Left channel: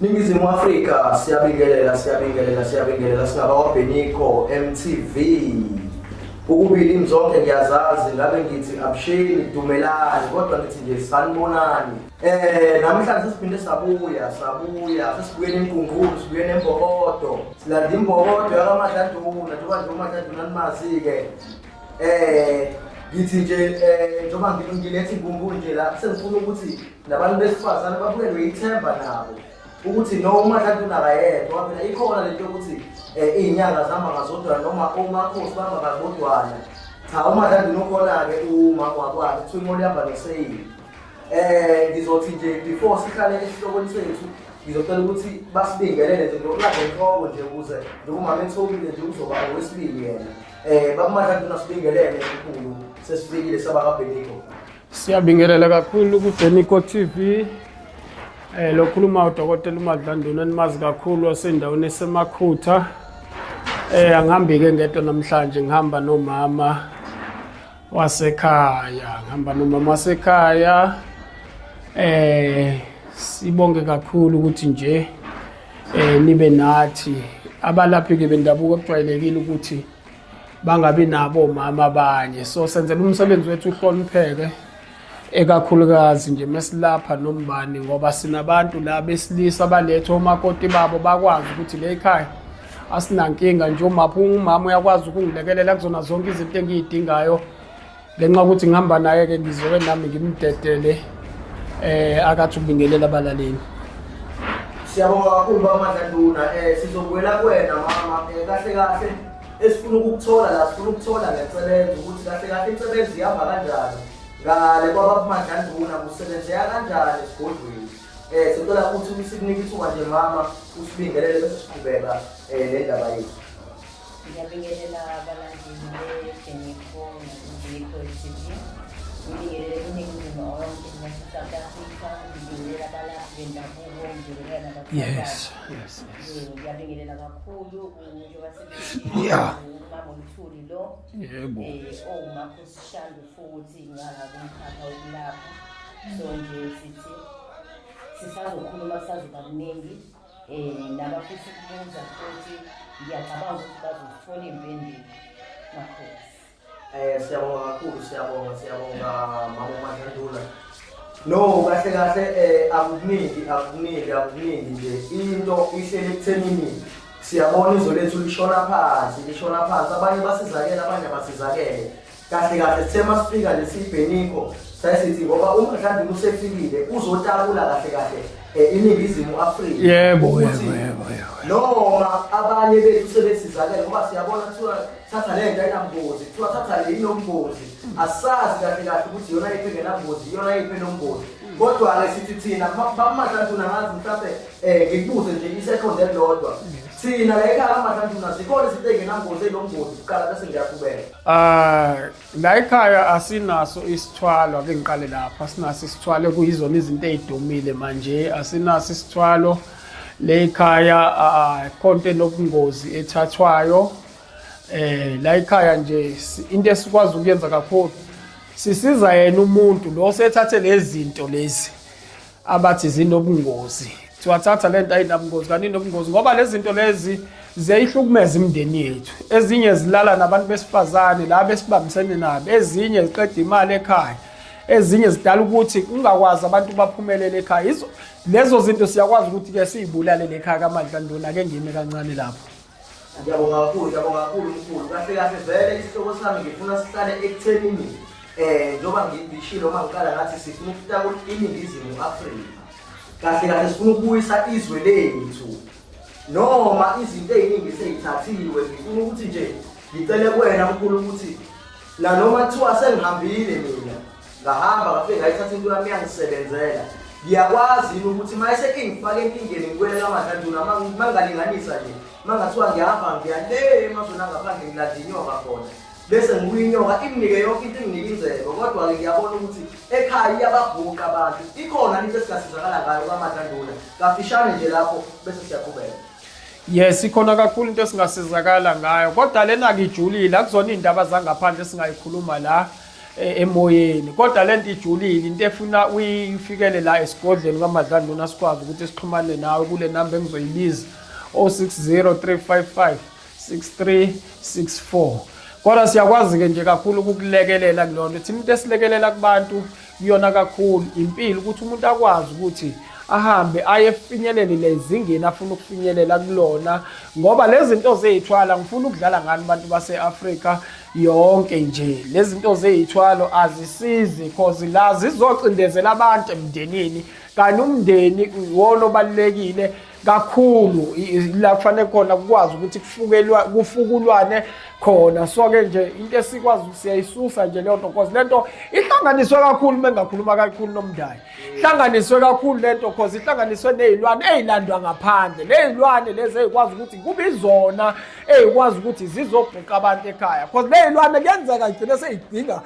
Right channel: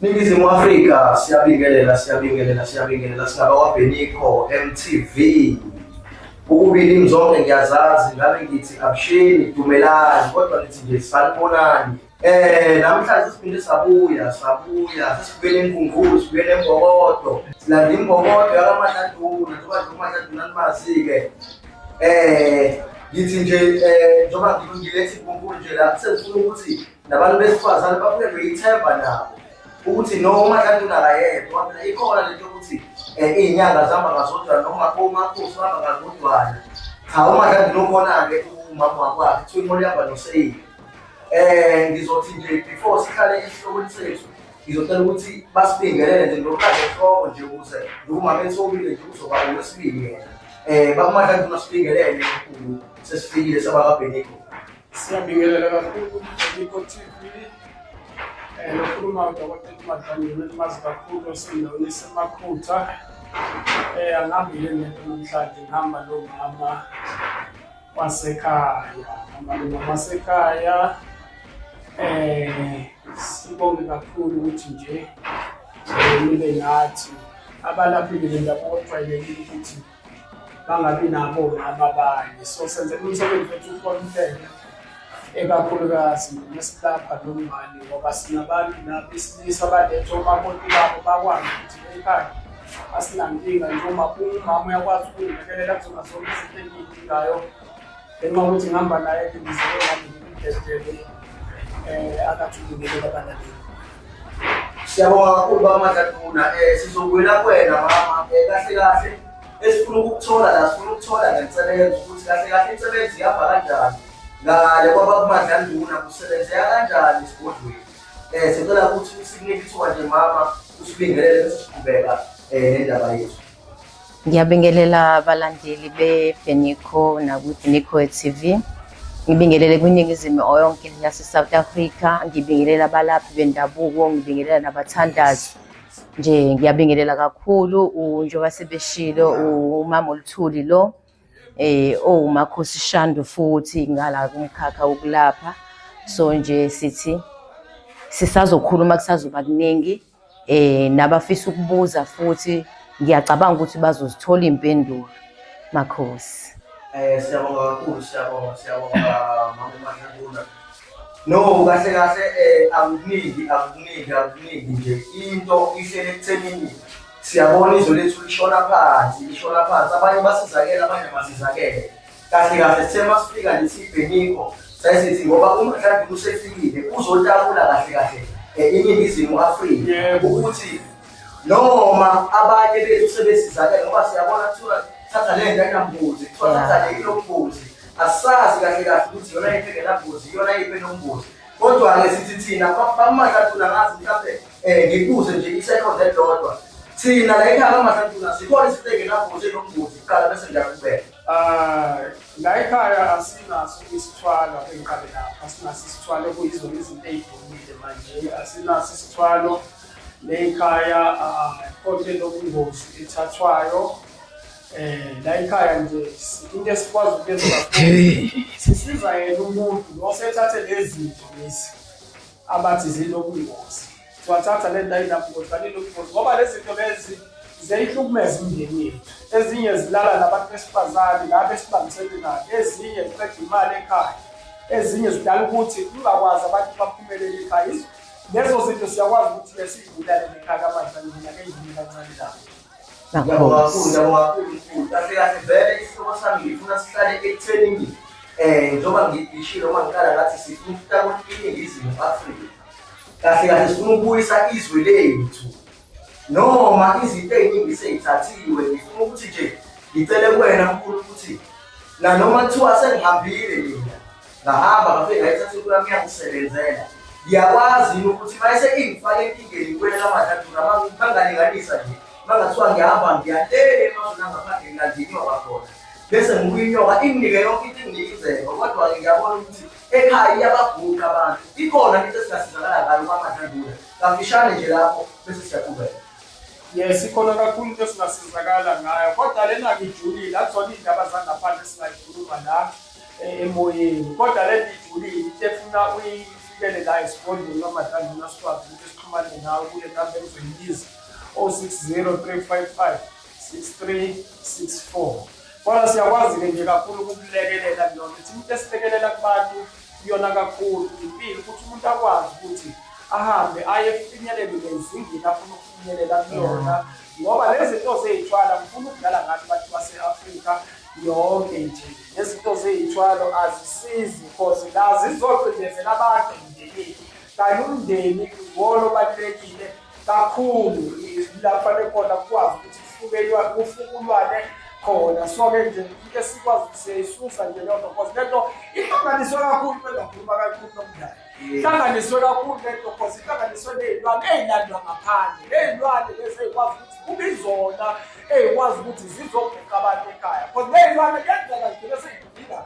Ningizimu Afrika siyabingelela singaba kwaBeniko MTV. Ukubili zonke ngiyazazi ngabe ngithi abusheni dumelani kodwa nithi nje sanibonani. Namhlanje siphinde sabuya sesibuye enkungulu sibuye eMbokodo. Silanda iMbokodo yakaMahlanduna njengoba nje uMahlanduna nimazi ke. Ngithi nje njengoba ngilethe inkungulu nje la sengifuna ukuthi nabantu besifazane babuye beyithemba nabo. Ukuthi noma kanti unakayedwa phela ikhona lento ukuthi izinyanga zihamba ngazodwa noma umakhosi bahamba ngazodwana. Cha uma kanti nokhona ke umama wakwakhe kuthiwa imoli yaba noSeyili. Ngizothi nje before sihlale esihlokweni sethu ngizocela ukuthi basibingelele nje ngokulanda inhloko nje ukuze umama ethobile nje uzokwaba wesibili yena. Bakumakanti unasibingelele kakhulu sesifikile sabakaBeniko. Siyabingelela kakhulu kuBeniko TV. Lo khuluma uDokotela uMahlanduna enimazi kakhulu wasendaweni esemakhutha. Angihambi ke ngedwa namhlanje ngihamba nomama wasekhaya. Sibonge kakhulu ukuthi nje nibe nathi abalaphi ke bendabuko ojwayelekile ukuthi bangabi nabo omama abanye. So senzela umsebenzi wethu uhlonipheke. Ekakhulukazi nje mesilapha nombani ngoba sinabantu la besilisa balethe omakoti babo bakwazi ukuthi le ekhaya asinankinga nje umama uyakwazi ukungilekelela kuzona zonke izinto engiyidingayo lenxa ukuthi ngihamba naye ke ngizoke nami ngimdedele akathi ubingelela abalaleli. Siyabonga kakhulu baMahlanduna. Sizobuya kuwena mama kahle esifuna ukuthola la sifuna ukuthola ngemisebenzi ukuthi kahle imisebenzi ihamba kanjani. Ngale kwaba kuMahlanduna kusebenzeka kanjani esigodlweni. Sicela ukuthi usikunike ithuba nje mama usibingelele bese siqhubeka nendaba yethu. Ngiyabingelela abalandeli beBeniko nakuBeniko TV. Ngibingelele kwiningizimu yonke yase-South Africa, ngibingelela abalaphi bendabuko, ngibingelela nabathandazi. Nje ngiyabingelela kakhulu njengoba sebeshilo umama uLuthuli lo. Umakhosi Shandu futhi ngala kumkhakha wokulapha. So nje sithi sisazokhuluma kusazoba kuningi nabafisa ukubuza futhi ngiyacabanga ukuthi bazozithola impendulo. Makhosi. Siyabonga kakhulu siyabonga mama uMahlanduna. No kahle akukuningi nje into ihlele ekuthenini siyabona izwe lethu lishona phansi abanye basizakela abanye basizakele. Kahle sithe masifika nje siBeniko sayisithi ngoba uMahlanduna usefikile uzotabula kahle iningizimu Afrika ukuthi noma abanye bethu sebesizakele ngoba siyabona kuthiwa thatha le nto ayinambuzi kuthiwa thatha le inombuzi. Asazi kahle ukuthi yona yiphi ngenambuzi yona yiphi nombuzi. Kodwa-ke sithi thina baMahlanduna ngazi mhlawumbe ngikuze nje isekhonde elilodwa. Thina la ekhaya kaMahlanduna sikhona izinto ey'ngenambuzi enombuzi kuqala bese ngiyaqhubeka. La ekhaya asinaso isithwalo ake ngiqale lapha. Asinaso isithwalo kuyizona izinto ey'dumile manje. Asinaso isithwalo le ekhaya konke lobungozi ethathwayo. La ekhaya nje into esikwazi ukuyenza kakhulu sisiza yena umuntu lo sethathe lezi zinto lezi abathi zinobungozi. Siwathatha lento ayinabungozi kanti inobungozi ngoba lezi zinto lezi ziyihlukumeza imindeni yethu. Ezinye zilala nabantu besifazane la besibambisene nabo, ezinye ziqeda imali ekhaya, ezinye zidala ukuthi ungakwazi abantu baphumelele ekhaya. Lezo zinto siyakwazi ukuthi ke siyibulale ekhaya kaMahlanduna ke ngime kancane lapho. Ngiyabonga kakhulu mkhulu. Kahle vele isihloko sami ngifuna sihlale ekuthenini njengoba ngidishile noma ngiqala ngathi sifuna ukutaka iningizimu Afrika. Kahle sifuna ukubuyisa izwe lethu. Noma izinto eziningi seyithathiwe ngifuna ukuthi nje ngicele kuwena mkhulu ukuthi la noma kuthiwa sengihambile mina ngahamba ngafike ngayithatha into yami yangisebenzela. Ngiyakwazi ukuthi mayese ingifake enkingeni ngikwele kaMahlanduna mangalinganisa nje. Mangathiwa ngiyahamba ngiyale emazweni angaphandle ngilandinyoka khona bese ngikuyinyoka inginike yonke into enginikizeko. Kodwa-ke ngiyabona ukuthi ekhaya iyababhuqa abantu ikhona into esingasizakala ngayo kaMahlanduna. Kafishane nje lapho bese siyaqhubeka. Yes, ikhona kakhulu into esingasizakala ngayo kodwa lena ngijulile akuzona indaba zangaphandle singayikhuluma la. emoyeni. Kodwa lento ijulile into efuna uyifikele la esigodleni kaMadlandlana sikwazi ukuthi sixhumane nawe kule namba engizoyibiza 060 355 6364. Kodwa siyakwazi ke nje kakhulu ukukulekelela kulona. Thina into esilekelela kubantu kuyona kakhulu impilo ukuthi umuntu akwazi ukuthi ahambe ayefinyelele lezingeni afuna ukufinyelela kulona ngoba lezi zinto zeyithwala ngifuna ukudlala ngani abantu base-Afrika yonke nje lezi zinto zeyithwalo azisizi because la zizocindezela abantu emndenini kanti umndeni uwona obalulekile kakhulu la kufanele khona kukwazi ukuthi kufukulwane khona so-ke nje into esikwazi siyayisusa nje leyo nto because lento ihlanganiswe kakhulu mengakhuluma kakhulu nomndali ihlanganiswe kakhulu lento because ihlanganiswe ney'lwane ey'landwa ngaphandle ley'lwane lezi ey'kwazi ukuthi kube izona ey'kwazi ukuthi zizobhuqa abantu ekhaya because ley'lwane kuyenzeka igcine seyidinga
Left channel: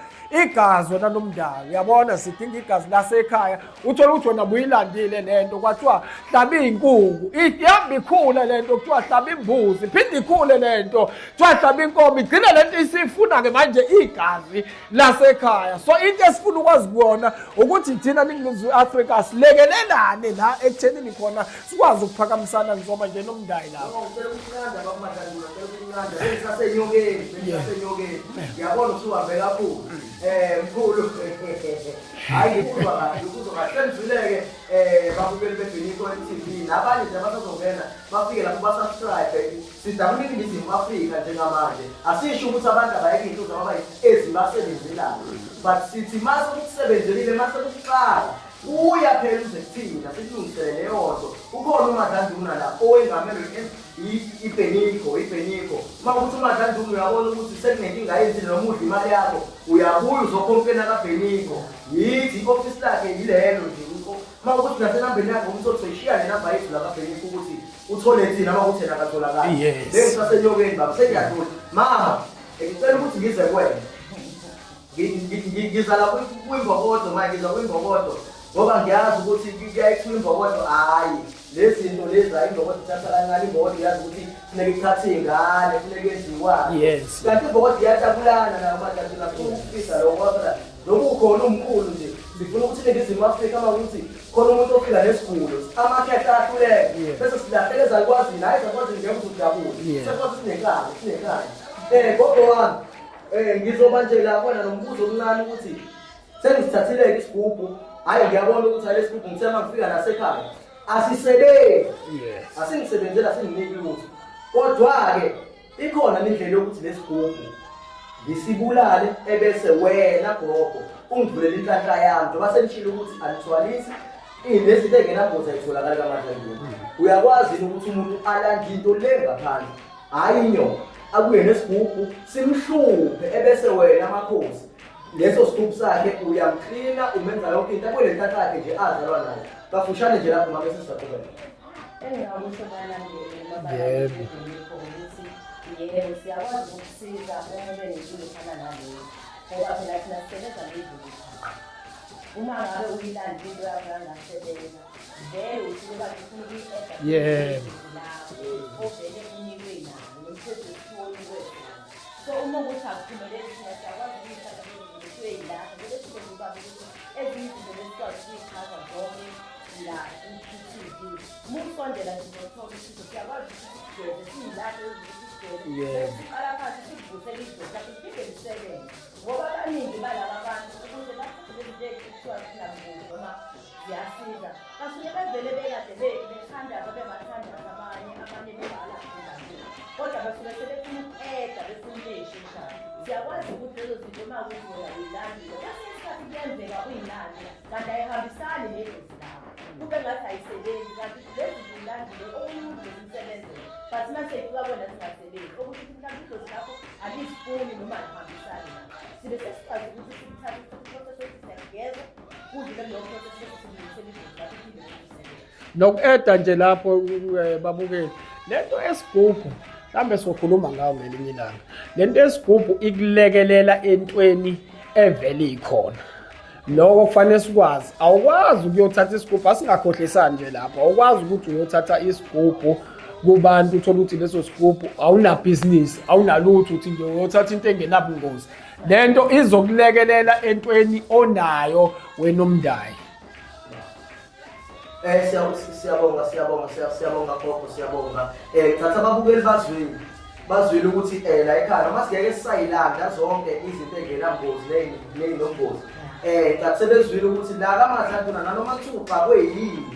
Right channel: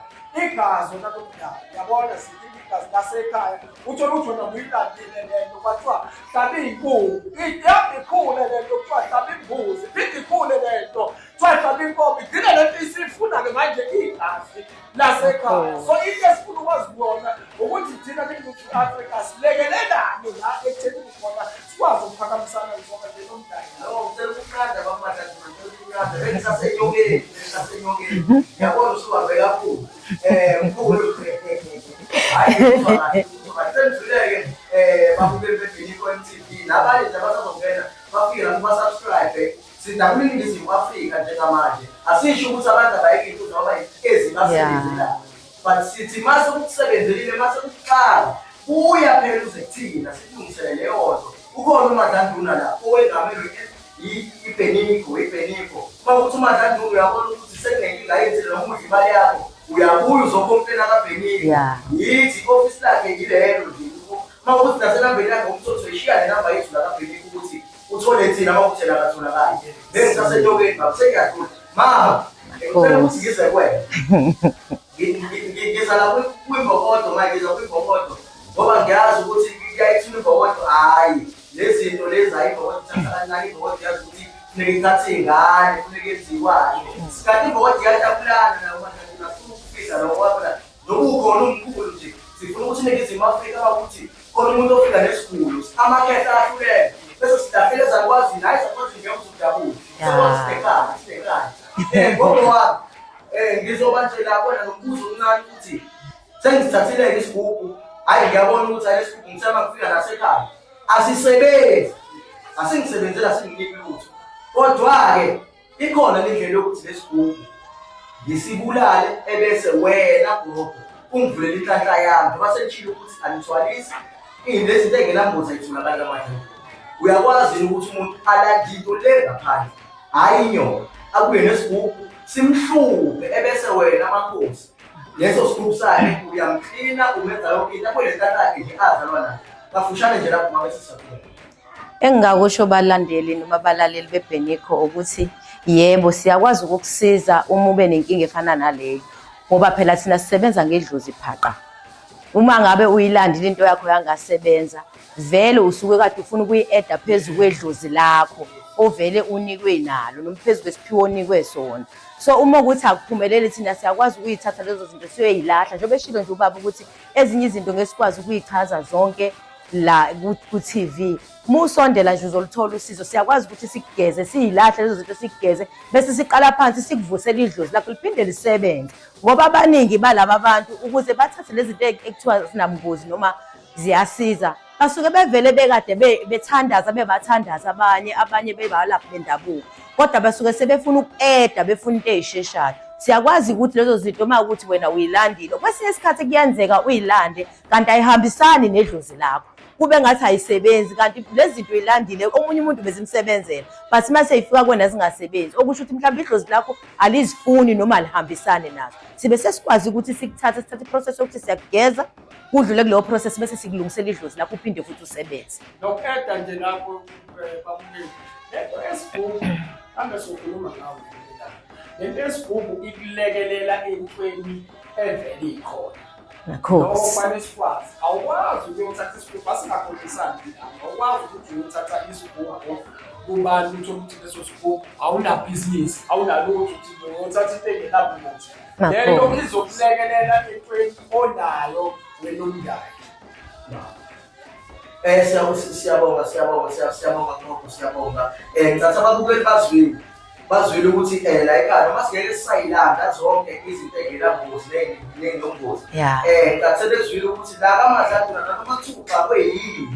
igazi wona nomndali uyabona sidinga igazi lasekhaya uthole ukuthi wona buyilandile lento kwathiwa hlaba iy'nkukhu ihamba ikhule lento kuthiwa hlaba imbuzi phinde ikhule lento kuthiwa hlaba inkomo igcine lento isifuna-ke manje igazi lasekhaya so into esifuna ukwazi kuyona ukuthi thina ningiNingizimu Afrika silekelelane la ekuthenini khona sikwazi ukuphakamisana njengoba nje nomndali la yabona usuhambe kakhulu mkhulu hayi uzokhahlenzuleke babukeli beBheniko MTV nabanye nje abazongena bafike lapho basubscribe sidla kuNingizimu Afrika njengamanje asisho ukuthi abantu abayeke into ngoba ezibasebenzela but sithi mase ukusebenzelile mase ukuqala uya phela uze kuthina silungisele leyo nto ukhona uMadlandlana la owengamelwe iBheniko mawukuthi uMadlandlana uyabona ukuthi sekunenkinga yenzile noma udla imali yakho uyabuya uzokhompena kaBheniko yithi office lakhe yilelo nje mawukuthi nasenambeni yakho umuntu ozoyishiya le namba yethu la kaBheniko ukuthi uthole thina mawukuthi la katholakala lengisasenyokeni baba sengiyadlula mama ngicela ukuthi ngize kwena ngiza la kwimbokodo manje ngiza kwimbokodo ngoba ngiyazi ukuthi kuyayithula imbokodo hayi lezi zinto lezi ayimbokodo thatha kancane imbokodo yazi ukuthi funeke ithathe ingane funeke yenziwani kanti imbokodo iyajabulana nakuMadlandlana ukufisa lokho kwabona nokukhona umkhulu nje sifuna ukuthi iNingizimu Afrika ukuthi khona umuntu ofika nesigulo amakhetha ahluleke bese silahlele zakwazi naye zakwazi ngeke uzujabule sinekani ngoba wami ngizoba nje la kona nombuzo omncane ukuthi sengisithathile isigubhu hayi ngiyabona ukuthi hayi isigubhu ngithema ngifika nasekhaya asisebenzi asingisebenzela singiniki lutho kodwa-ke ikhona indlela yokuthi lesigubhu ngisibulale ebese wena gogo ungivulela inhlanhla yami njengoba senitshilo ukuthi anithwalisi lezi zinto engenambuzi ayitholakala kaMadlandlana uyakwazi ukuthi umuntu alande into le ngaphandle hayi inyoka akuye nesigubhu simhluphe ebese wena amakhosi leso sigubhu sakhe uyamklina umenza yonke into akho le ntatha yakhe nje azalwa nayo kafushane nje lapho ngabe sisaqhubeka engingakusho balandeli noma balaleli beBheniko ukuthi yebo siyakwazi ukukusiza uma ube nenkinga efana naleyo ngoba phela thina sisebenza ngedlozi phaqa uma ngabe uyilandile into yakho yangasebenza vele usuke kade ufuna ukuyi-eda phezu kwedlozi lakho ovele unikwe nalo noma phezu kwesiphiwo onikwe sona so uma ukuthi akuphumeleli thina siyakwazi ukuyithatha lezo zinto siyoyilahla njengoba eshilo nje ubaba ukuthi ezinye izinto ngesikwazi ukuyichaza zonke la ku-TV musondela nje uzoluthola usizo siyakwazi ukuthi sikugeze siyilahle lezo zinto sikugeze bese siqala phansi sikuvusela idlozi lakho liphinde lisebenze ngoba abaningi balaba abantu ukuze bathathe lezi zinto ekuthiwa zinambuzi noma ziyasiza basuke bevele bekade bethandaza bebathandaza abanye bebalaphi bendabuko kodwa basuke sebefuna uku-eda befuna into ey'sheshayo siyakwazi ukuthi lezo zinto uma ukuthi wena uyilandile kwesinye isikhathi kuyenzeka uyilande kanti ayihambisani nedlozi lakho kube ngathi ayisebenzi kanti lezi zinto uyilandile omunye umuntu bezimsebenzela but uma seyifika kwena zingasebenzi okusho ukuthi mhlawumbe idlozi lakho alizifuni noma alihambisane nazo sibe sesikwazi ukuthi sithathe iprocess yokuthi siyakugeza kudlule kuleyo process bese sikulungisela idlozi lakho uphinde futhi usebenze noku-eda nje lapho babukeli lento esigubhu mhlawumbe sokhuluma ngawo ngelinye ilanga lento esigubhu ikulekelela entweni evele ikhona lokho kufanele sikwazi awukwazi ukuyothatha isigubhu asingakhohlisani nje lapho awukwazi ukuthi uyothatha isigubhu kubantu uthola ukuthi leso sigubhu awunabhizinisi awunalutho uthi nje uyothatha into engenabungozi lento izokulekelela entweni onayo wena umndayi. Siyabonga gogo, siyabonga. Ngithatha ababukeli bazwile ukuthi la ekhaya noma singeke sisayilanda zonke izinto engenabungozi nenobungozi. Ngithatha bezwile ukuthi la kaMadlantula nanoma kuthiwa kweyini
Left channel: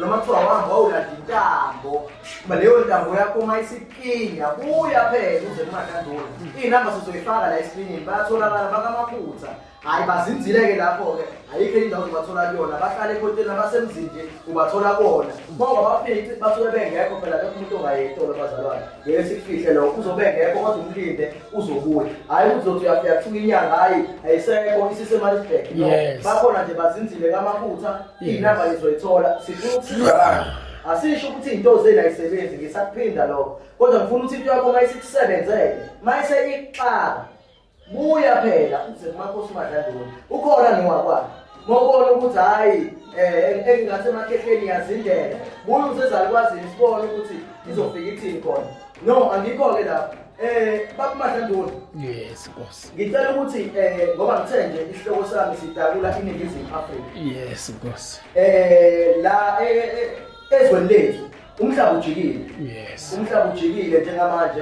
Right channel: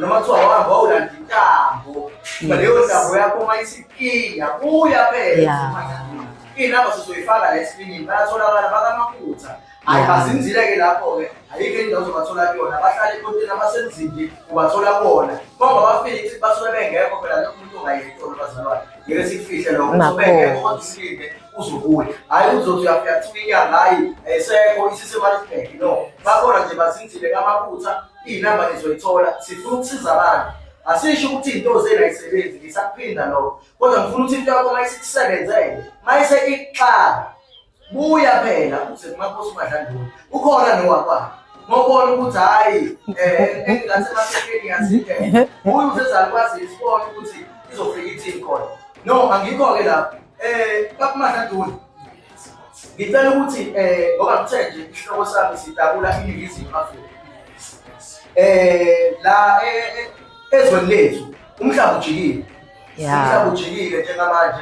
noma kuthiwa wahamba wawulanda intambo leyo ntambo yakho uma isikinga buya phela eMadlantula. Iy'namba sizoyifaka la escreenini bayatholakala bakamaphutha. Hayi bazinzile-ke lapho-ke ayikho indawo zobathola kuyona bahlala ekhonteni abasemzini ubathola bona ngoba bafike ukuthi basuke bengekho phela lokho umuntu ongayethola bazalwane ngeke sikufihle lokho usuke bengekho kodwa usilinde uzobuya hhayi uzothi uyafika kuthiwa inyanga hayi ayisekho isisemalisbek no bakhona nje bazinzile kamaphutha iy'namba nizoyithola sifuna ukusiza abantu asisho ukuthi iy'nto zenu ayisebenzi ngisakuphinda lokho kodwa ngifuna ukuthi into yakho mayisikusebenzele mayise ikuxaka buya phela uze kumakhosi uMadlantula ukhona niwakwakho ngobona ukuthi hayi engingasemaphetheni yazindlela buya usezakwazi sibone ukuthi izofika ithini khona no angikho-ke lapho bakuMadlantula Yes boss. ngicela ukuthi ngoba ngithe nje isihloko sami sidabula iNingizimu Afrika. Yes boss. La ezweni lethu umhlaba ujikile. Yes. Umhlaba ujikile njengamanje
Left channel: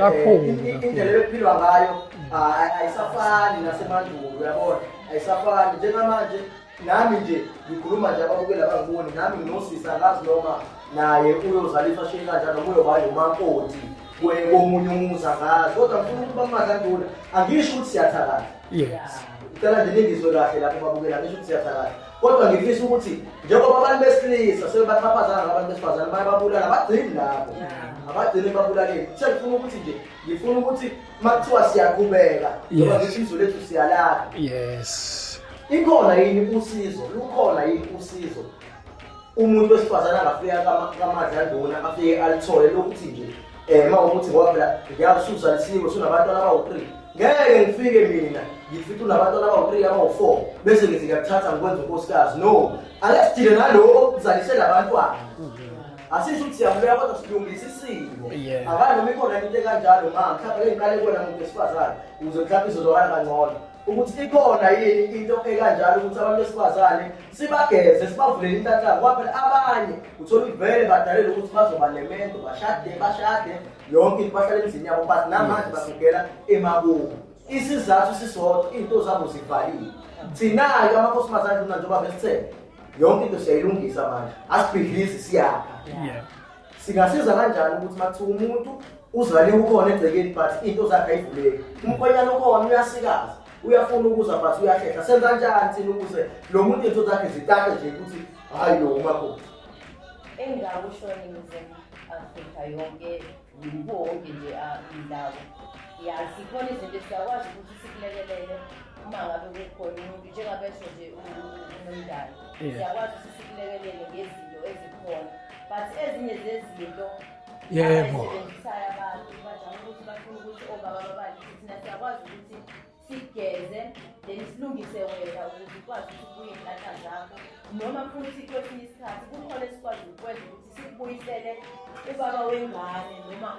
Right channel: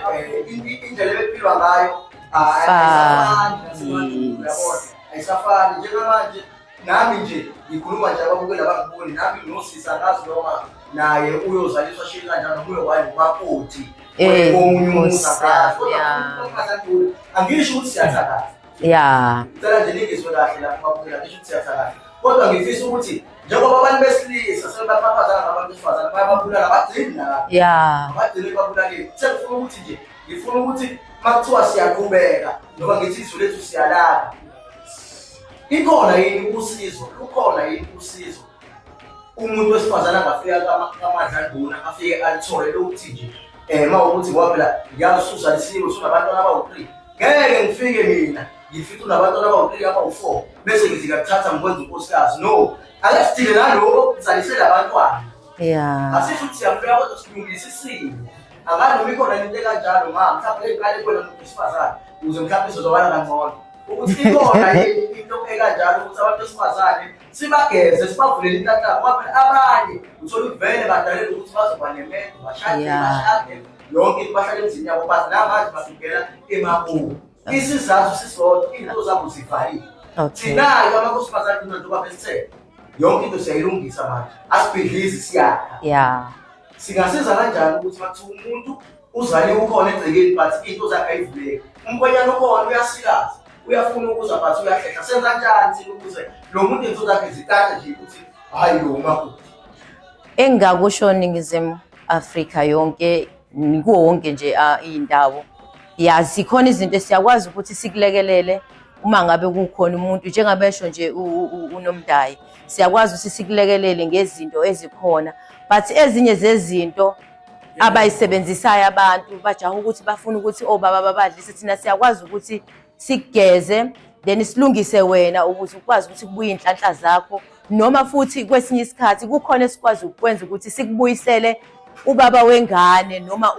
indlela ebephilwa ngayo ayisafani nasemandulo uyabona ayisafani njengamanje nami nje ngikhuluma nje ababukeli abangiboni nami nginosisa ngazi noma naye uyozaliswa shini kanjani noma uyoba umakoti komunye umuntu angazi kodwa uMadlantula angisho ukuthi siyathakaza ngicela nje ningizwe kahle lapho babukela angisho ukuthi siyathakaza kodwa ngifisa ukuthi njengoba abantu besilisa sebebaphaphaza ngabantu besifazane bayababulala abagcini nabo abagcini babulaleni sengifuna ukuthi nje ngifuna ukuthi makuthiwa siyaqhubeka ngoba ngithi izwe lethu siyalala ikhona yini usizo lukhona yini usizo umuntu wesifazane angafika kaMadlantula afike alithole lokuthi nje mawukuthi ngoba phela ngiyasuzalisiwe sunabantwana abawu-3 ngeke ngifike mina ngifike unabantwana abawu-3 abawu-4 bese ngizikathatha ngikwenza unkosikazi no ake sidile naloko kuzalisele abantwana asisho ukuthi siyambuya kodwa silungisa isimo anganoma ikhona into ekanjalo mhlawumbe engiqale kona muntu wesifazane ukuze mhlawumbe izozobala kangcono ukuthi ikhona into ekanjalo ukuthi abantu besifazane sibageze sibavulele inhlanhla ngoba phela abanye uthola uvele badalele ukuthi bazoba nemendo bashade yonke into bahlale emzini yabo bathi namanje basukela emabuko isizathu sisodwa iy'nto zabo zivalile thinayo amakhosifazane njengoba besithe yonke into siyayilungisa manje asibhidlizi siyakha singasiza kanjani ukuthi makuthiwa umuntu uzaliwe ukhona egcekeni but iy'nto zakhe ayivuleki umkhwenyana ukhona uyasikaza uyafuna ukuza but uyahlehla senza kanjani thina ukuze lo muntu iy'nto zakhe zikade nje ukuthi hhayi lo umakoti engingakusho Ningizimu Afrika yonke kuwo wonke nje iy'ndawo zikhona izinto esiyakwazi ukuthi sikulekelele uma ngabe kukhona umuntu njengabesho nje uNomdayi siyakwazi ukuthi sikulekelele ngezinto ezikhona but ezinye zezinto abayisebenzisayo abantu bajaha ukuthi bafuna ukuthi obaba babadlise thina siyakwazi ukuthi sigeze then silungise wena ukuthi ukwazi ukuthi kubuye inhlanhla zakho noma futhi kwesinye isikhathi kukhona esikwazi ukwenza ukuthi sikubuyisele ubaba wengane noma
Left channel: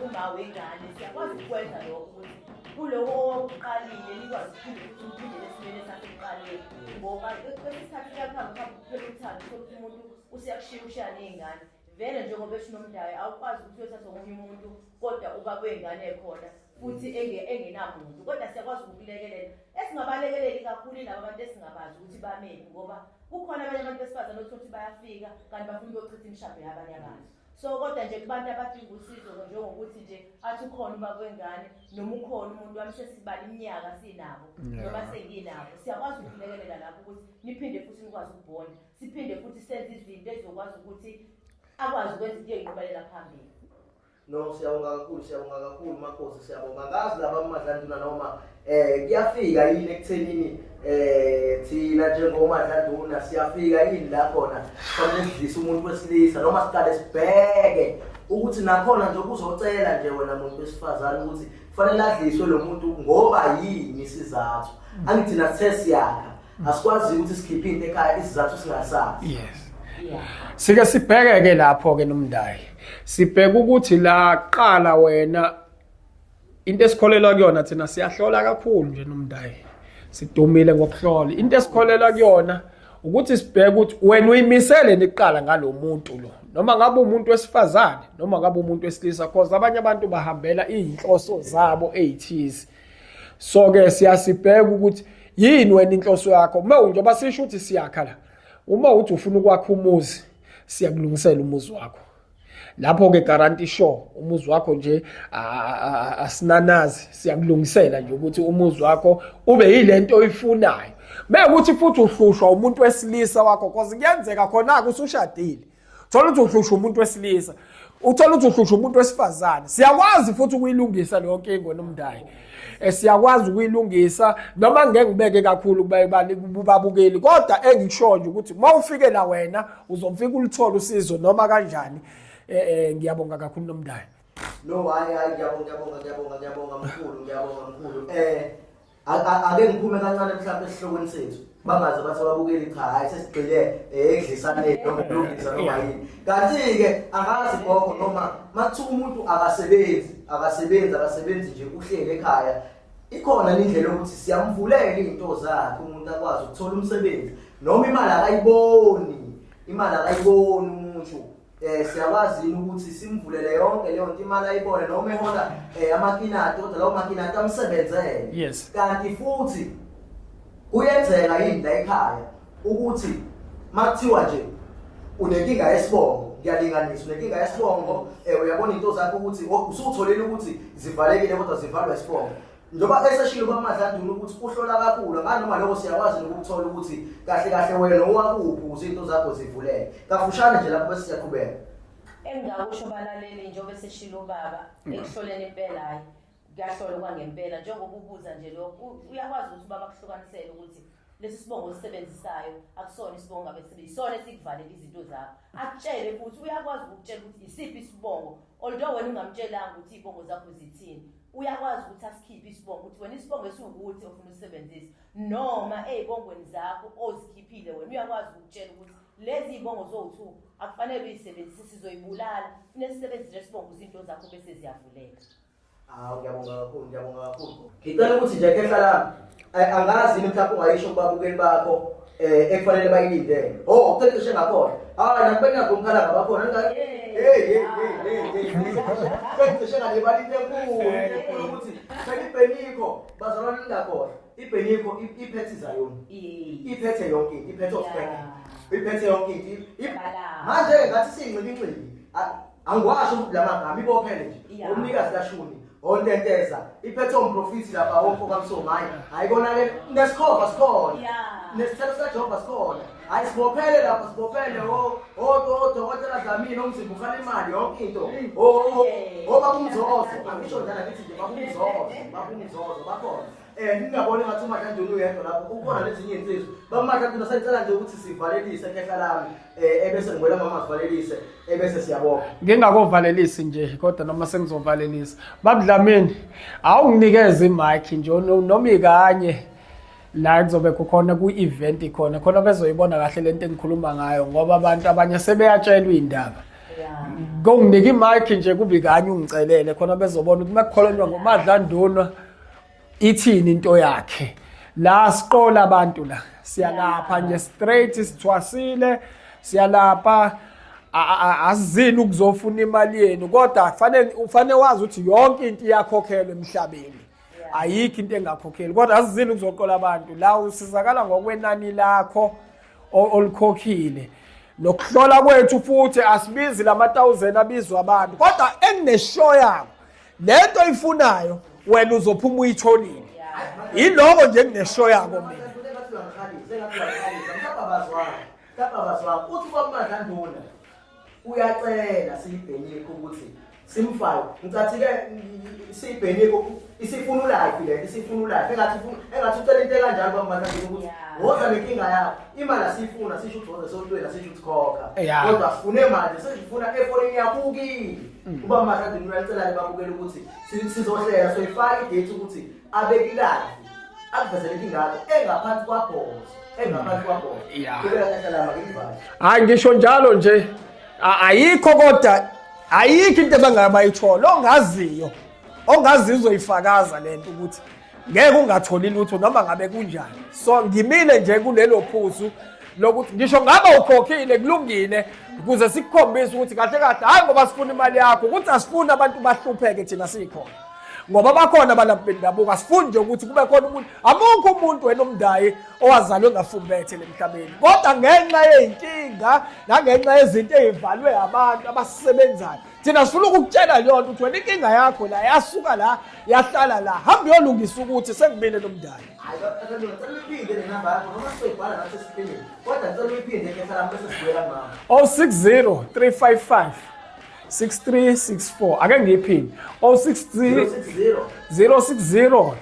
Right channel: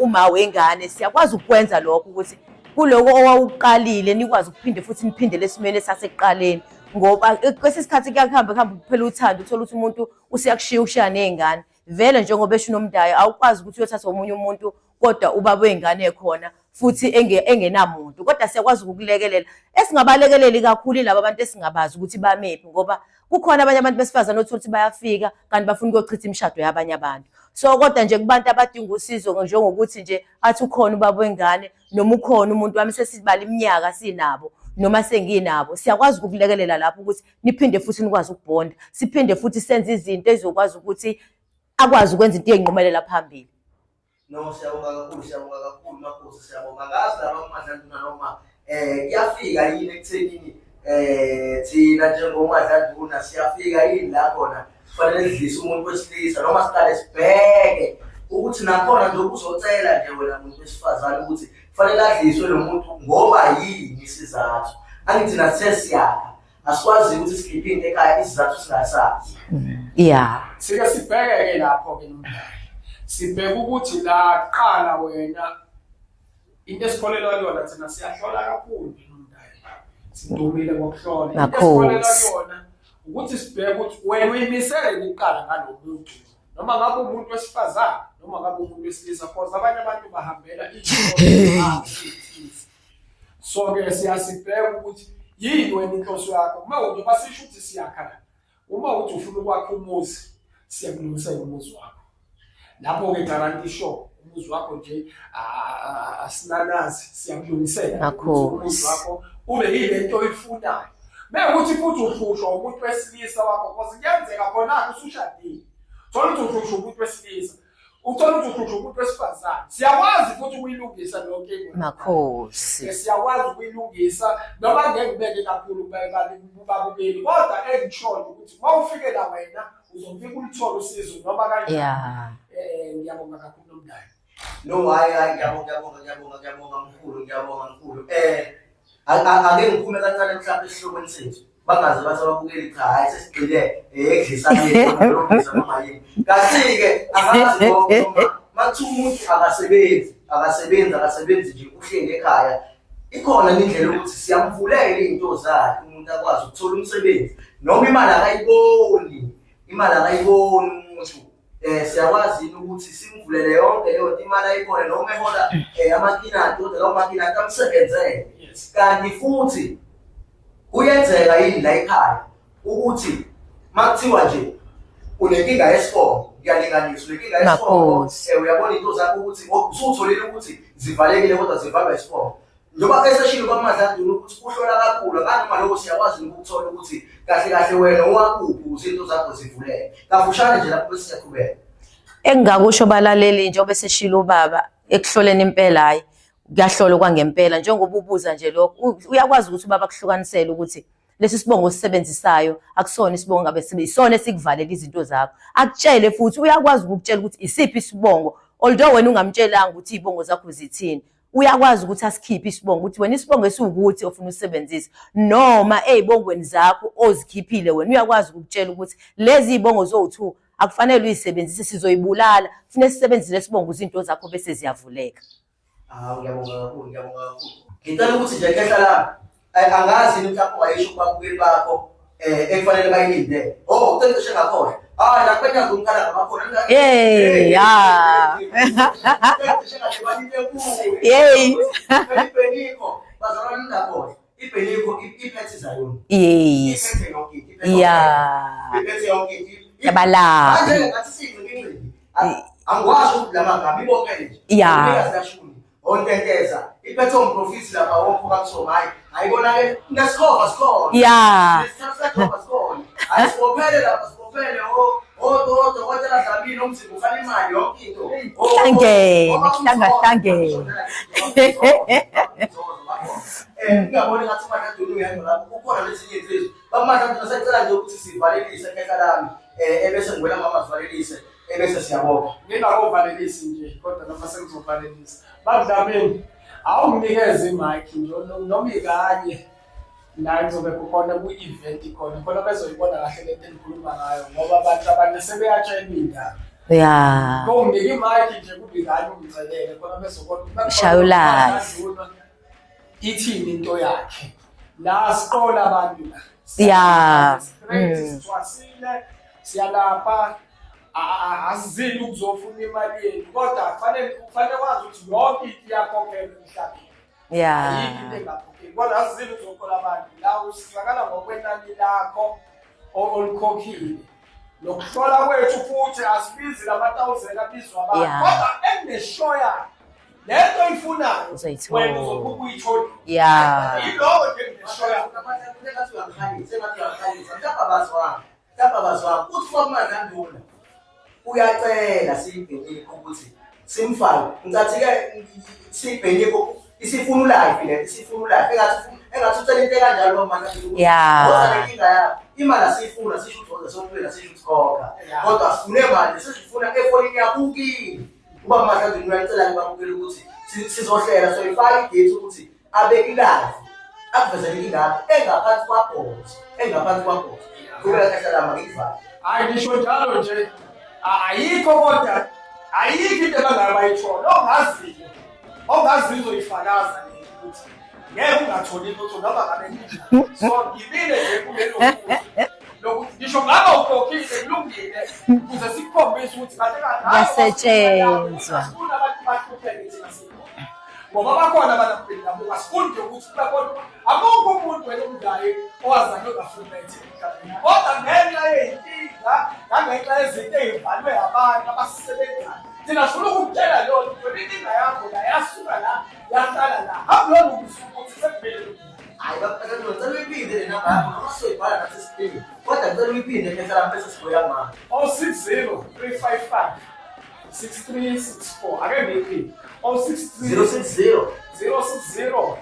uma wengane siyakwazi ukwenza lokho ukuthi kuloko owawuqalile nikwazi ukuphinde futhi niphindele esimeni esasekuqaleni ngoba kwesinye isikhathi kuhamba kuphela uthando uthola ukuthi umuntu usiyakushiya ukushaya ney'ngane vele njengoba esho uNomdayi awukwazi ukuthi uyothatha omunye umuntu kodwa ubaba wengane ekhona futhi engenamuntu kodwa siyakwazi ukukulekelela esingabalekeleli kakhulu laba abantu esingabazi ukuthi bamephi ngoba kukhona abanye abantu besifazane othola ukuthi bayafika kanti bafuna ukuyochitha imishado yabanye abantu so kodwa nje kubantu abadinga usizo njengokuthi nje athi ukhona ubaba wengane noma ukhona umuntu wami sesibala iminyaka sinabo noma senginabo siyakwazi ukukulekelela lapho ukuthi niphinde futhi nikwazi ukubonda siphinde futhi senze izinto ezokwazi ukuthi akwazi ukwenza into ey'nqumelela phambili. No siyabonga kakhulu makhosi siyabonga ngazi laba uMadlantula noma kuyafika yini ekuthenini thina njengoMadlantula siyafika yini la khona kufanele sidlise umuntu wesilisa noma siqale sibheke ukuthi nakhona nje uzocela nje wena muntu wesifazane ukuthi kufanele adliswe lo muntu ngoba yini isizathu angithi nasesiyakha asikwazi ukuthi sikhiphe into ekhaya isizathu singasazi. Sike sibheke-ke lapho-ke Nomdayi sibheke ukuthi la qala wena into esikholelwa kuyona thina siyahlola kakhulu nje nomndayi sidumile ngokuhlola into esikholelwa kuyona ukuthi sibheke ukuthi wena uyimisele niqala ngalomuntu lo noma ngabe umuntu wesifazane noma ngabe umuntu wesilisa because abanye abantu bahambela izinhloso zabo ezithize so ke siyasibheka ukuthi yini wena inhloso yakho uma njengoba sisho ukuthi siyakhala uma uthi ufuna ukwakha umuzi siyakulungisela umuzi wakho lapho ke guarantee sure umuzi wakho nje asinanazi siyakulungisela nje ukuthi umuzi wakho ube yilento oyifunayo mekuthi futhi uhlushwa umuntu wesilisa wakho because kuyenzeka khona usushadile thola ukuthi uhlushwa umuntu wesilisa uthola ukuthi uhlushwa umuntu wesifazane siyakwazi futhi ukuyilungisa leyo nkingo nomndeni siyakwazi ukuyilungisa noma ngeke ngibeke kakhulu kubabukeli kodwa engishoyo ukuthi uma ufike la wena uzomfika ulithola usizo noma kanjani ngiyabonga kakhulu nomndeni no hayi ngiyabonga mkhulu ake ngiphume kancane mhlawumbe esihlokweni sethu bangaze bathi ababukeli cha hayi sesigcile ekudlisana yilungisa noma yini kasi ke akazi ngoba mathu umuntu akasebenzi nje uhlele ekhaya ikhona indlela ukuthi siyamvulela izinto zakhe umuntu akwazi ukuthola umsebenzi noma imali akayiboni umuntu siyakwazi ukuthi simvulele yonke leyo imali ayibone noma ehola amakinati kodwa lawo makinati amsebenzele yes kanti futhi kuyenzeka yini la ekhaya ukuthi makuthiwa nje unenkinga yesibongo ngiyalinganisa unenkinga yesibongo uyabona into zakho ukuthi usutholile ukuthi zivalekile kodwa zivalwa isibongo njengoba eseshilo kwaMadladula ukuthi uhlola kakhulu nganoma lokho siyakwazi ukuthola ukuthi kahle wena owakuphi ukuze into zakho zivuleke kafushane nje lapho bese siyaqhubeka engakusho balaleli njengoba seshilo ubaba ekuhloleni impela hayi kuyahlolwa kwangempela njengoba ubuza nje lokho uyakwazi ukuthi ubaba kuhlukanisele ukuthi lesi sibongo sisebenzisayo akusona isibongo ngabe isona esikuvalela izinto zakho akutshele futhi uyakwazi ukutshela ukuthi isiphi isibongo although wena ungamtshelanga ukuthi izibongo zakho zithini uyakwazi ukuthi asikhiphe isibongo ukuthi wena isibongo esiwukuthi ofuna usebenzisa noma ezibongweni zakho ozikhiphile wena uyakwazi ukutshela ukuthi lezi izibongo zo2 akufanele uyisebenzise sizoyibulala kufanele sisebenzise lesibongo izinto zakho bese ziyavuleka ngiyabonga kakhulu ngicela ukuthi nje kehlala angazi mhlawumbe ungayisho kubabukeli bakho ekufanele bayilinde uceceshe ngakhohle hayi nakubenya ngomkhala ngabakhona uceceshe ngale balinde kuyo iBeniko bazalwa linda khohle iBeniko iphethe zayona iphethe yonke iphethe yonke yabala manje ngathi siyingcibingcibi angwasho ukuthi la magama ibophele nje uyazashuni ontenteza iphethe umprofiti lapha wonke kamso hayi kona ke nesikhova sikhona nesithathu sakho sikhona hayi sibophele lapha sibophele dokotela Dlamini omzimba ufana imali yonke into ngiyabona ngathi uMadladula uyedwa lapho kukhona lezinye izinto baMadladula sayicela nje ukuthi sivalelise ekhaya lami ebese ngwela mama sivalelise ebese siyabonga ngingakovalelisi nje kodwa noma sengizovalelisa baMdlamini awunginikeze imic nje noma ikanye la kuzobe kukhona ku-event khona bezoyibona kahle lento engikhuluma ngayo ngoba abantu abanye sebeyatshelwa indaba konginika imic nje kube ikanye ungicelele khona bezobona ukuthi makukhona uMadladula ithini into yakhe la siqola abantu la siya straight sithwasile siyalapha azizini ukuzofuna imali yenu kodwa ufanele wazi ukuthi yonke into iyakhokhelwa emhlabeni ayikho into engakhokheli kodwa azizini ukuzoqola abantu la usizakala ngokwenani lakho olikhokhile nokuhlola kwethu futhi asibizi lama 1000 abizwa abantu kodwa engineshow yami lento oyifunayo wena uzophuma uyitholile yiloko nje engineshow yabo Tapabazwa uthi kwaMadladula uyacela siyiBeniko ukuthi simfake ngicathi ke siyiBeniko isifuna live le isifuna live engathi ucela into kanjalo kwaMadladula ngoba lenkinga yakho imali asifuna sisho ukuthi sontweni sisho ukuthi khokha kodwa sifune imali sesifuna efonini yakho ukini uba Madladula uyacela ngibabukela ukuthi sizohlela so ifake idate ukuthi abeki live akuvezele ingakho engaphansi kwabhozi kuwela kahlala makivala hayi ngisho njalo nje ayikho kodwa ayikho into abangamayithola ongaziyo ongazizwa ifakaza lento ukuthi ngeke ungatholi lutho noma ngabe kunjani. So ngimile nje kulelo phuzu lokuthi ngisho ngaba ukhokhile kulungile ukuze sikukhombise ukuthi kahle kahle hayi ngoba sifuna imali yakho ukuthi asifuni abantu bahlupheke thina sikhona. Ngoba bakhona abantu bendabuko asifuni nje ukuthi kube khona umuntu amukho umuntu wena umndayi owazalwe ngafumbethe emhlabeni. Kodwa ngenxa yey'nkinga nangenxa yezinto ey'valwe abantu abasisebenzayo thina sifuna ukukutshela yona ukuthi wena inkinga yakho la yasuka la yahlala la hambe yolungisa ukuthi sekubile lo mndali. Hayi bafethu ngicela uyiphinde le namba yakho noma sizoyibhala nathi esiphelile. Kodwa ngicela uyiphinde ke hlala bese sibuya manje. 060 355 6364 ake ngiyiphinde 060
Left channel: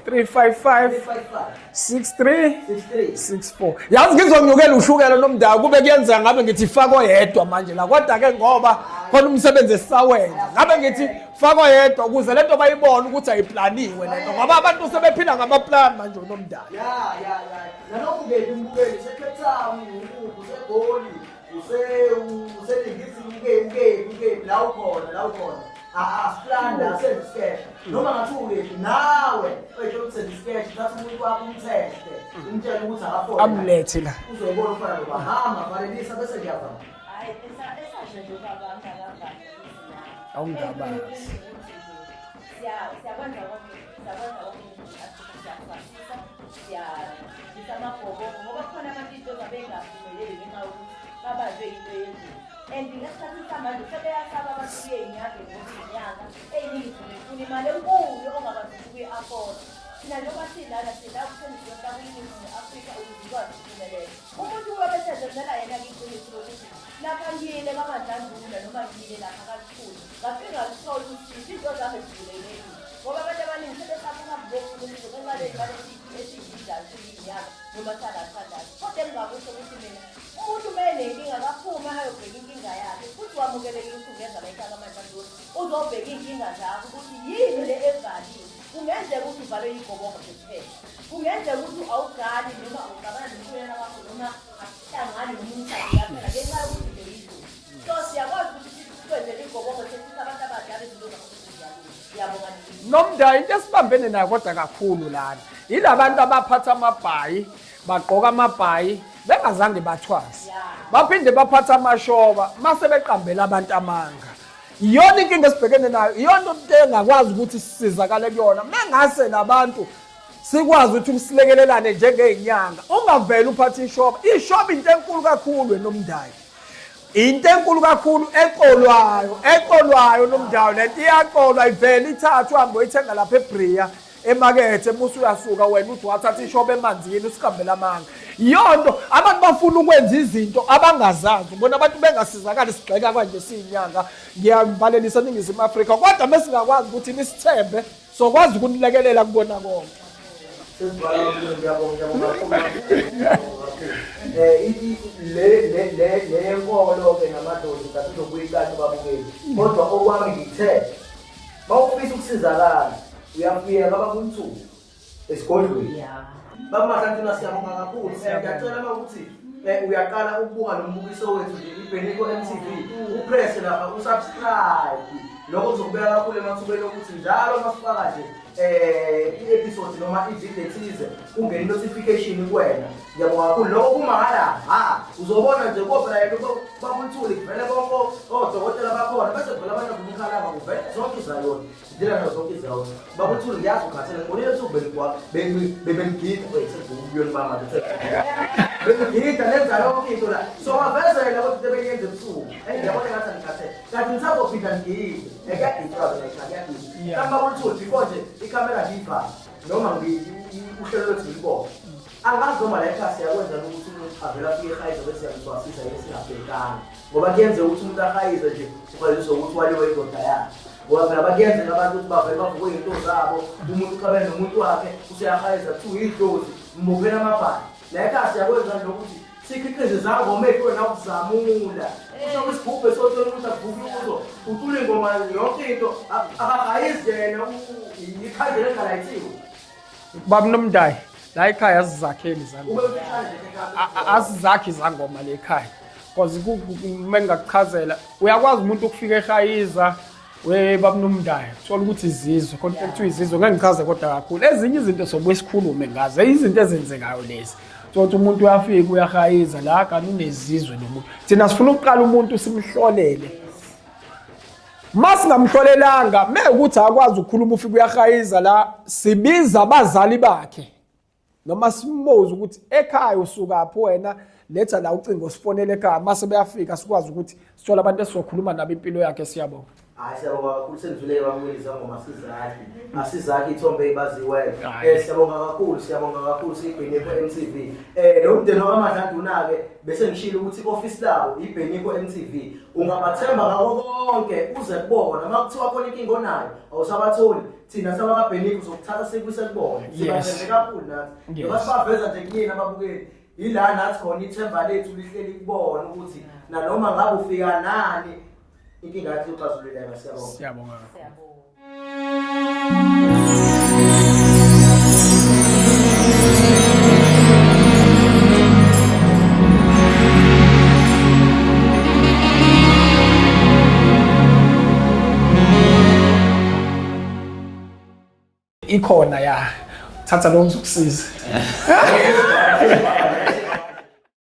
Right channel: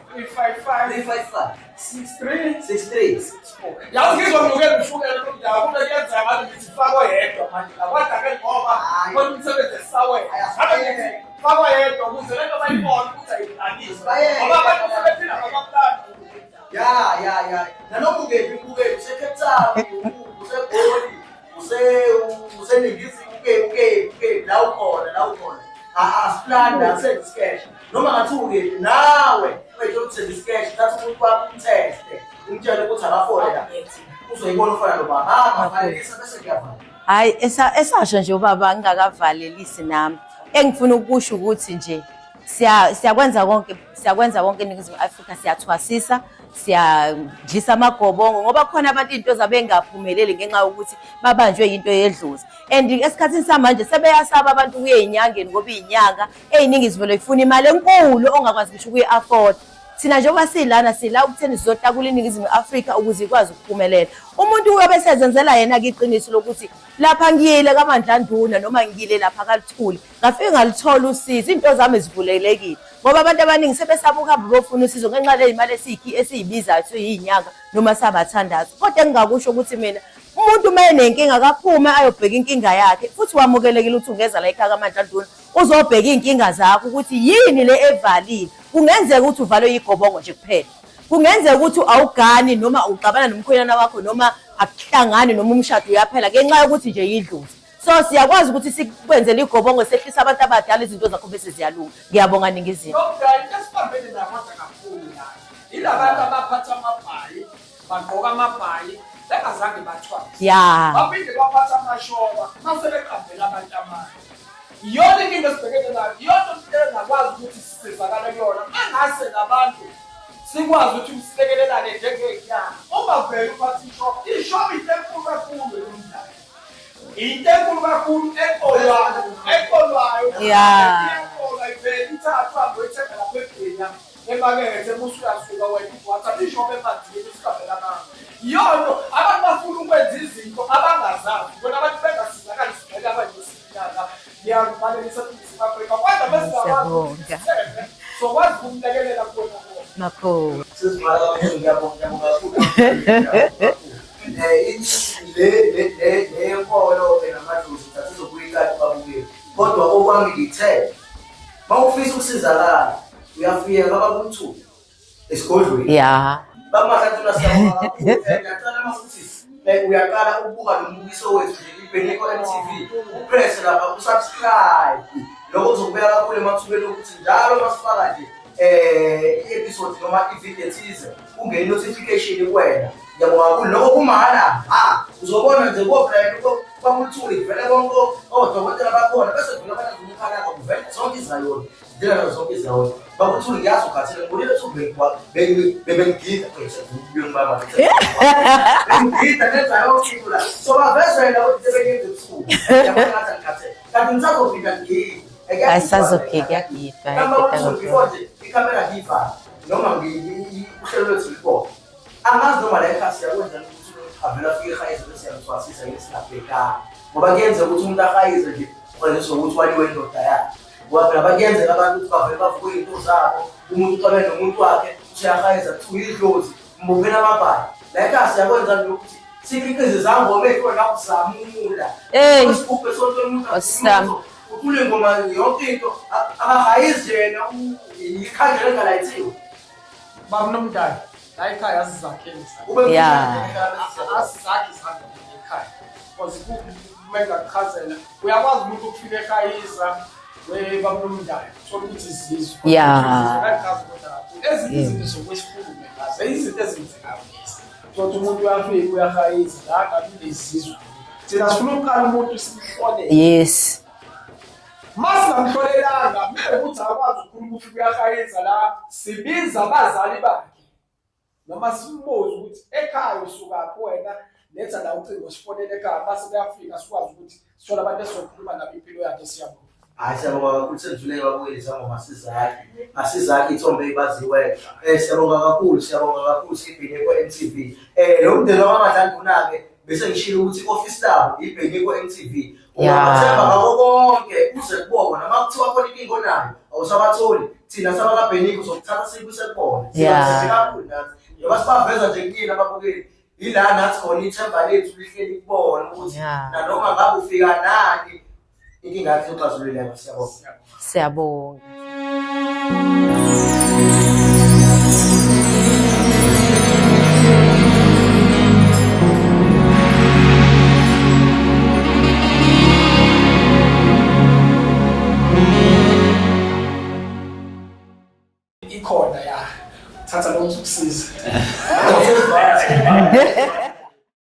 355 6364. Yazi ngizomnukela ushukela nomndawo kube kuyenza ngabe ngithi fako yedwa manje la kodwa ke ngoba khona umsebenzi esisawenza ngabe ngithi fako yedwa ukuze lento bayibone ukuthi ayiplaniwe ngoba abantu sebephila ngamaplani manje nomndawo. Ya nalokhu ke imbukeli seCape Town useGoli useningisi uke la ukhona asiplanda sendisketch noma ngathi uke nawe wethokusenza isketch thatha umuntu wakho umteste umtshela ukuthi akafona amlethe la uzoyibona ufana nobahama valelisa bese ngiyavala. Hayi esasho nje ubaba ngingakavalelisi nami. Engifuna ukusho ukuthi nje siyakwenza konke eNingizimu Afrika siyathwasisa siyajisa amagobongo ngoba khona abantu into zabengaphumeleli ngenxa yokuthi babanjwe into yedlozi. And esikhathini samanje sebeyasaba abantu kuyeyinyangeni ngoba iyinyanga eyiningi zivele ifuna imali enkulu ongakwazi ngisho ukuyi-afford. Thina njengoba silana sila ukutheni sizohlakula iNingizimu Afrika ukuze ikwazi ukuphumelela. Umuntu uyobe sezenzela yena-ke iqiniso lokuthi lapha ngiyile kaMandlanduna noma ngiyile lapha kaLuthuli ngafike ngalithola usizo into zami zivulelekile ngoba abantu abaningi sebesaba ukuhamba bofuna usizo ngenxa ley'mali esiyibizayo siyinyanga noma sabathandazo. Kodwa engingakusho ukuthi mina umuntu uma enenkinga akaphume ayobheka inkinga yakhe futhi wamukelekile ukuthi ungeza la ekhaya kaMandlanduna uzobheka iy'nkinga zakho ukuthi yini le evalile. Kungenzeka ukuthi uvalwe yigobongo nje kuphela. Kungenzeka ukuthi awugani noma uqabana nomkhwenyana wakho noma akuhlangani noma umshado uyaphela ngenxa yokuthi nje yidlozi. So siyakwazi ukuthi sikwenzele igobongo sehlisa abantu abadala izinto zakho bese ziyalunga. Ngiyabonga Ningizimu. Nomndayi into esibambene nayo kodwa kakhulu lana yilabantu abaphatha amabhayi bagqoka amabhayi bengazange bathwase. Ya. Baphinde baphatha amashoba mase beqambela abantu amanga. Iyona inkinga esibhekene nayo iyona into engakwazi ukuthi sisizakale kuyona mangase labantu sikwazi ukuthi silekelelane njengey'nyanga ungaveli uphathe ishoba. Ishoba into enkulu kakhulu nomndayi. Into enkulu kakhulu eqolwayo nomdala iyaqolwa ivele ithathwe uhambe uyithenga lapha eBria emakethe bese uyasuka wena uthi wathatha ishoba emanzini usikambela amanga. Yonto abantu bafuna ukwenza izinto abangazazi bona abantu bengasizakali sigxeka kanje siyinyanga. Ngiyambalelisa iNingizimu Afrika kodwa mesingakwazi ukuthi nisithembe sokwazi ukunilekelela kubona konke. Makho. Le nkolo ke namadlozi sizokuyikala babukeli kodwa okwami ngithe mawufisa ukusizakala uyafika babamthulu esigodlweni Ya. bakuMandlanduna siyabonga kakhulu ngiyacela ukuthi uyaqala ukubuka lo mbukiso wethu nje iBheniko MTV upress lapha usubscribe lokho kuzokubeka kakhulu emathubeni ukuthi njalo masifaka nje i-episode noma i-video ethize ungene notification kuwena. Ngiyabonga kakhulu lokho kumahhala uzobona nje kophela bamuthuli kuvele bonke odokotela bakhona bese kuvela abantu kumkhalanga kuvele zonke izaloni njengalo zonke izaloni bamuthuli ngiyazi ukhathele kulelo thuba bebengigida bengibamba bengigida nenza yonke into la so bavezela ukuthi sebengenza ubusuku ngiyabona ngathi ngikhathele kanti ngisazofika ngiyini Asazofika ikhamera ngiyivala noma uhlelo lwethu likhona angazi noma la ekhaya siyakwenza ukuthi umuntu avela afike ehayize bese siyamthwasisa yini singabhekanga ngoba kuyenzeka ukuthi umuntu ahayize nje kwenziswa ukuthi waliwe indoda yakhe ngoba phela bakuyenzeka abantu ukuthi bavele bavuke iy'nto zabo umuntu uqabene nomuntu wakhe useyahayiza kuthiwa yidlozi mbophela amabhayi la ekhaya siyakwenza nokuthi sikhiqize izangoma ey'hlukana ukuzamula isigubhe sontela umuntu uthule ngoma yonke into akahayizi yena ikhandlela engalayithiwe. Baba Nomndayi la ekhaya asizakheli asizakhi izangoma le ekhaya because uma ngingakuchazela uyakwazi umuntu ukufika ehayiza babamnumdayo thola ukuthi izizwe kodwa Yeah. ukuthi izizwe ngangichaza kodwa kakhulu ezinye izinto sobuye sikhulume ngazo izinto ezenzekayo lezi ukuthi umuntu uyafika uyahayiza la kanti unezizwe nomuntu thina sifuna ukuqala umuntu simhlole Yes. masingamhlolelanga mekuthi akwazi ukukhuluma ufika uyahayiza la sibiza abazali bakhe noma simbuze ukuthi ekhaya usukaphi wena letha la ucingo sifonele ekhaya mase beyafika sikwazi ukuthi sithola abantu esizokhuluma nabo impilo yakhe siyabonga. Hayi siyabonga kakhulu sendluleke babuyelisa ngoma asizakhi ithombe ebaziwe siyabonga kakhulu siyibheniko MTV lo mdeni wakaMadlanduna-ke bese ngishilo ukuthi i-office labo ibheniko MTV ungabathemba ngakho konke uze kubona noma kuthiwa khona inkinga onayo awusabatholi thina sabakabheniko sokuthatha sikuse kubona kakhulu nathi ngoba sibaveza nje kuyini ababukeli ila nathi khona ithemba lethu lihleli kubona ukuthi nanoma ngabe ufika nani inkinga yakhe uxazululeka. Siyabonga. Siyabonga. Ikhona ya thatha lo mzukusiza